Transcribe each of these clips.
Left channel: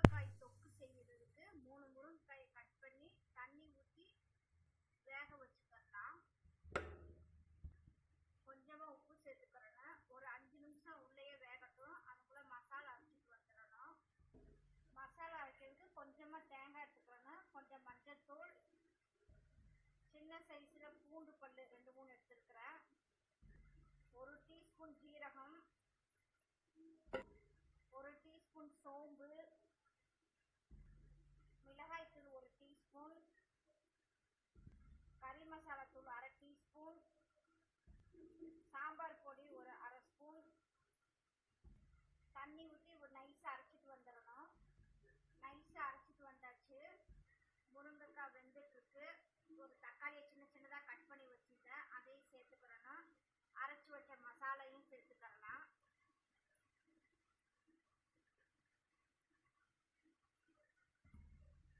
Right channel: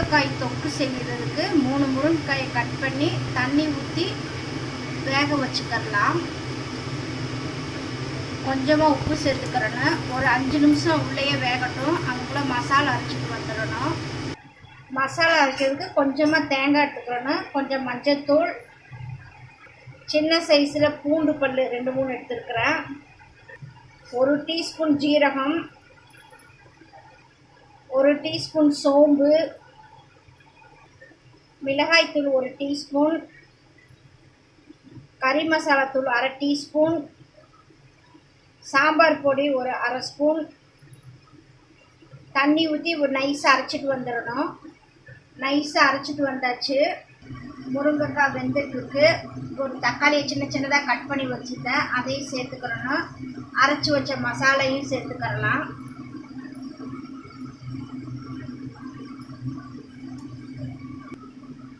முருங்கைக்காய் தொக்கு செய்கிறதுக்கு 3 முருங்கைக்காயை கட் பண்ணி தண்ணி ஊற்றி வேக வச்சுக்கலாம். கொஞ்சமாக உப்பு சேர்த்துக்கிறேன்னு ஒரு 5 நிமிஷம் உள்ளேயே வேகட்டும். அதுக்குள்ளே மசாலா அரைச்சிட்டு வந்துடணும். மசாலா அரைக்கிறதுக்கு கொஞ்சமாக தேங்காய் எடுத்துக்கிறேன்னு, கொஞ்சம் மஞ்சள்தூள், சின்ன சைஸில் பூண்டு பல் 2-3 எடுத்துருக்கிறேன், 1 டீஸ்பூன் ஜீரகம், 1 டீஸ்பூன் சோம்பு, மிளகாய்த்தூள் 1 டீஸ்பூன், கறி மசாலா தூள் 1/2 டீஸ்பூன், சாம்பார் பொடி 1/2 ஸ்பூன், தண்ணி ஊற்றி ஒரு நைஸாக அரைச்சிட்டு வந்துடணும். நைஸாக அரைச்சிட்டு வந்தாச்சு. முருங்கைக்காய் வெந்துட்டுருக்கு. ஒரு தக்காளியை சின்ன சின்னதாக கட் பண்ணி வச்சுட்டேன், அதையும் சேர்த்துக்கிறணும். அரைச்சி வச்ச மசாலையும் சேர்த்துக்கிறலாம்.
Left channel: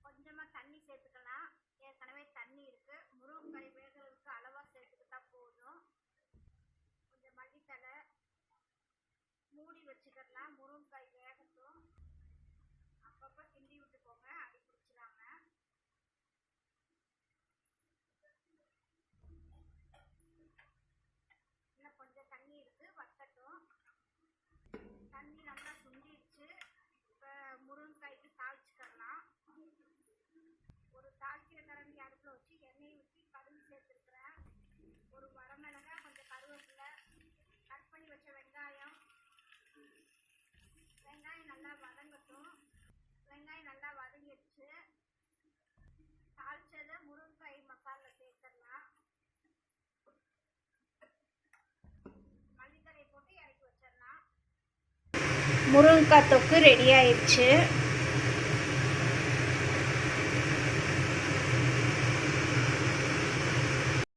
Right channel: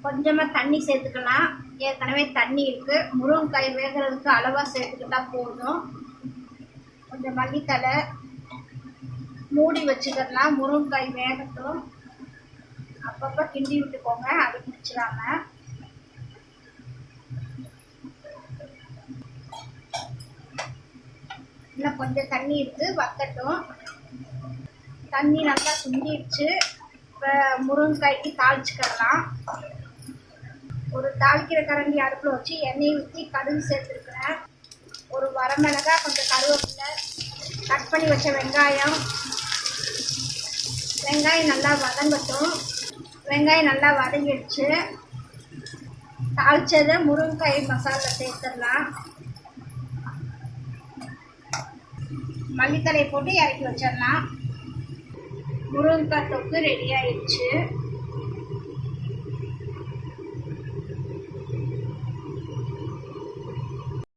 கொஞ்சமாக தண்ணி சேர்த்துக்கலாம். ஏற்கனவே தண்ணி இருக்குது. முருங்கைக்காய் வேகிறதுக்கு அளவாக சேர்த்துக்கிட்டா போதும். கொஞ்சம் மல்லித்தலை மூடி வச்சுக்கலாம். முருங்கைக்காய் வேகட்டும். அப்பப்போ கிண்டி விட்டுக்கோங்க, அது பிடிச்சிடாம. இன்னும் கொஞ்சம் தண்ணி இருக்குது, வத்தட்டும். தண்ணி நல்லா சுண்டிடுச்சு. இப்போ முருங்கைக்காய்க்கு தாளிச்சுக்கலாம். ஒரு தாளிக்கிற கரண்டி அடுப்பில் வச்சு எண்ணெய் ஊற்றி கடுகு சேர்த்துருக்குறேன். ஒரு வரமிளகாய், கொஞ்சம் கருவேப்பிலை, கட் பண்ணி வச்ச வெங்காயம் நல்லா வதங்கட்டும். வெங்காயம் நல்லா வதங்கிடுச்சு. தாளிச்சதை முருங்கைக்காய் மசாலா சேர்த்துடலாம். மல்லித்தலை போட்டு இறக்கி வச்சிடலாம். முருங்கைக்காய் தொக்கு ரெடி ஆயிடுச்சு.